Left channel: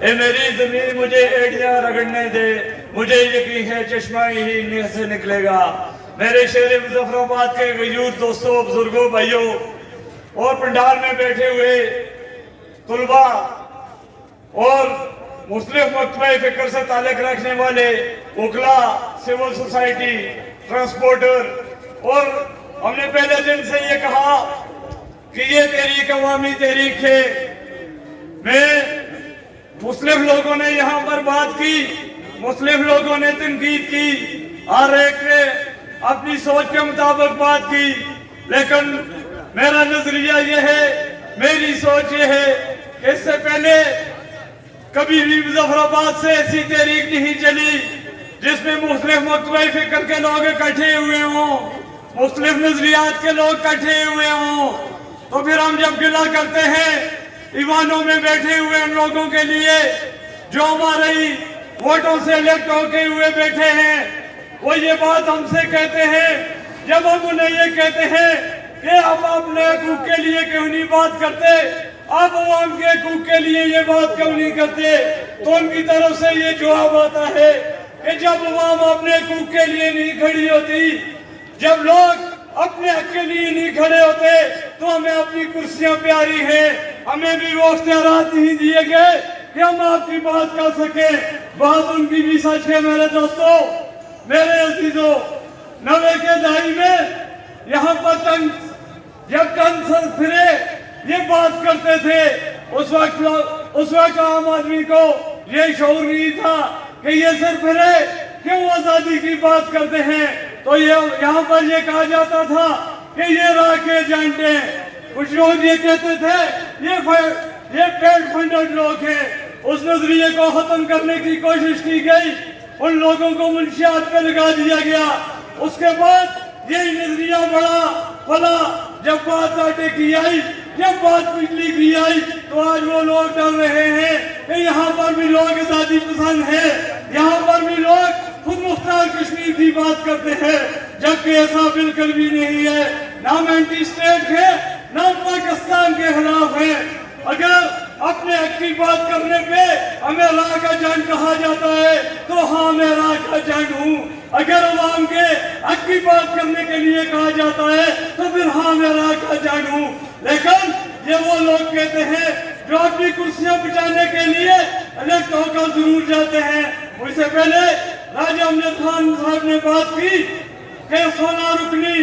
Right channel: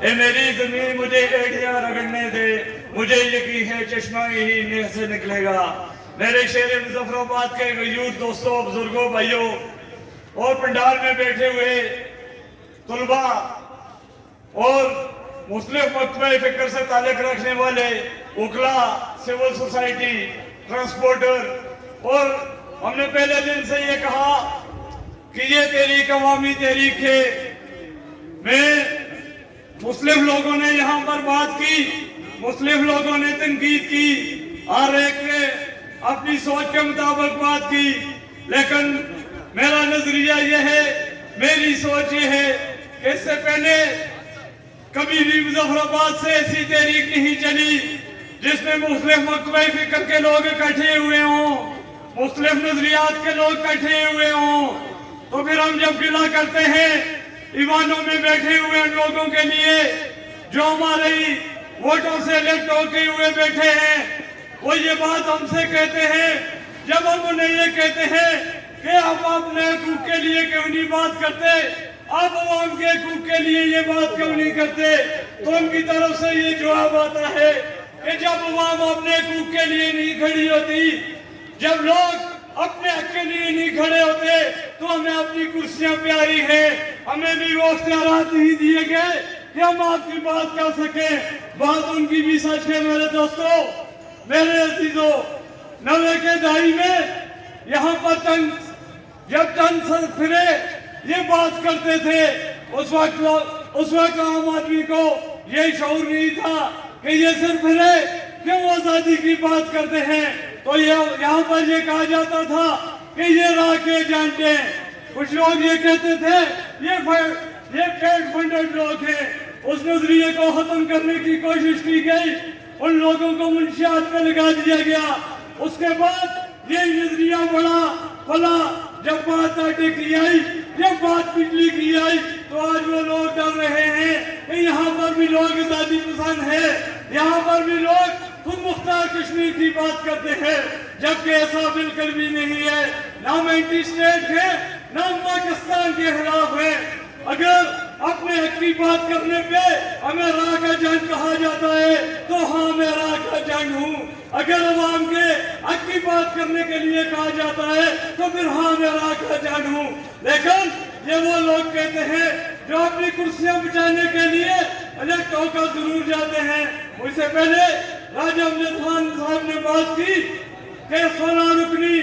اے میری زمین مجھے ایڑیاں رگڑنے دے، مجھے یقین ہے چشمہ ہی نیہ سے نکلے گا۔ میرے شہر مظفر آباد کے غیور دوستوں، بزرگوں، بھائیوں اور پنڈال میں بیٹھے ہوئے طلباء اور مختلف مکتبہ فکر سے تعلق رکھنے والے وکلا، سول سوسائٹی، ٹرانسپورٹر، اور ہم نے پہلے دن سے یہ کہا کہ یہ تحریک عوامی تحریک ہے۔ میں مختلف لوگوں نے یہاں پر بات کی، مختلف لوگوں نے تنقید کی، ہر ایک نے اپنی سوچ کے مطابق بات کی، لیکن میرا نظریہ یہ ہے، میری سوچ یہ ہے کہ اس سے پہلے کبھی بھی مظفر آباد سے ایسی تحریک نہیں چلی جس میں مختلف مکتبہ فکر کے لوگ اکٹھے ہوئے ہوں، مختلف نظریات کے لوگ اکٹھے ہوئے ہوں۔ تو پھر ہم جب گلہ کرتے ہیں ایوانوں میں بیٹھے ہوئے ان لوگوں کے لیے جو ہماری ووٹوں سے الیکٹ ہو کے ہوئے بیٹھے ہیں، وہ یہ بات ہم سے کہتے ہیں، جب ہم انہیں یہ کہتے ہیں کہ آپ اپنے حقوق کے لیے کیوں نہیں بات کرتے، آپ عوام کے حقوق کے لیے یہ بات کیوں نہیں کرتے، تو ان کی طرف سے یہ جواب آتا ہے کہ جب عوام اپنے حقوق کے لیے نہیں کھڑی ہوتی، جب لوگ اپنے حق کے لیے نہیں کھڑے ہوتے، تو ہمیں اپنی کرسیاں پیاری ہیں، ہمیں بھی وہ اختیارات نہیں دیے گئے کہ ہم آپ کی بات کر سکیں۔ بات ان کی بھی سچ ہے میرے دوستوں، میرے عزیزوں۔ 90 کے دہائی میں یہاں پر جب چند سر پھرے یہ بات کرتے تھے، اس وقت عام آدمی کو یہ شعور نہیں تھا کہ یہ سر پھرے کیوں آزادی کی بات کرتے ہیں۔ تو یہاں پر یہ کہا جاتا تھا کہ یہ راہ کے ایجنٹ ہیں، کچھ لوگ یہ کہتے تھے یہ پیڈ فنڈڈ لوگ ہیں۔ اس نظریے کو ختم کرنے کی کوشش کی گئی، ان لوگوں کو منشیات پہ لگا دیا گیا۔ اس کے بعد یہی نظریہ بڑا پھلا، جب بات آٹے کی آئی، جب بات بجلی کی آئی، تو آج وہ لوگ ڈر رہے ہیں کہ یہاں پر بھی لوگ آزادی پسند ہیں، یہاں پر بھی لوگ خود مختار کشمیر کی بات کرتے ہیں، جبکہ ایسا بالکل بھی نہیں ہے۔ نہ ہم اینٹی اسٹیٹ ہیں، نہ ہم پاکستان کے خلاف ہیں۔ اگر اپنے حق کی بات کرنے پہ ہمیں راہ کا جنگ کہا جاتا ہے تو ہاں میں راہ کا جنگ ہوں، اگر عوام کے حق کی بات کرنے کے لیے کہا جاتا ہے تو پھر ہاں میں راہ کا جنگ ہوں۔ لیکن یہ وہ لوگ کہتے ہیں جو اپنی کرسیاں بچانے کے لیے الیکٹ ہو کر ضرور جاتے ہیں۔ مجھ سے پہلے راجہ امجد خان صاحب نے بات کی کہ 16 رکنی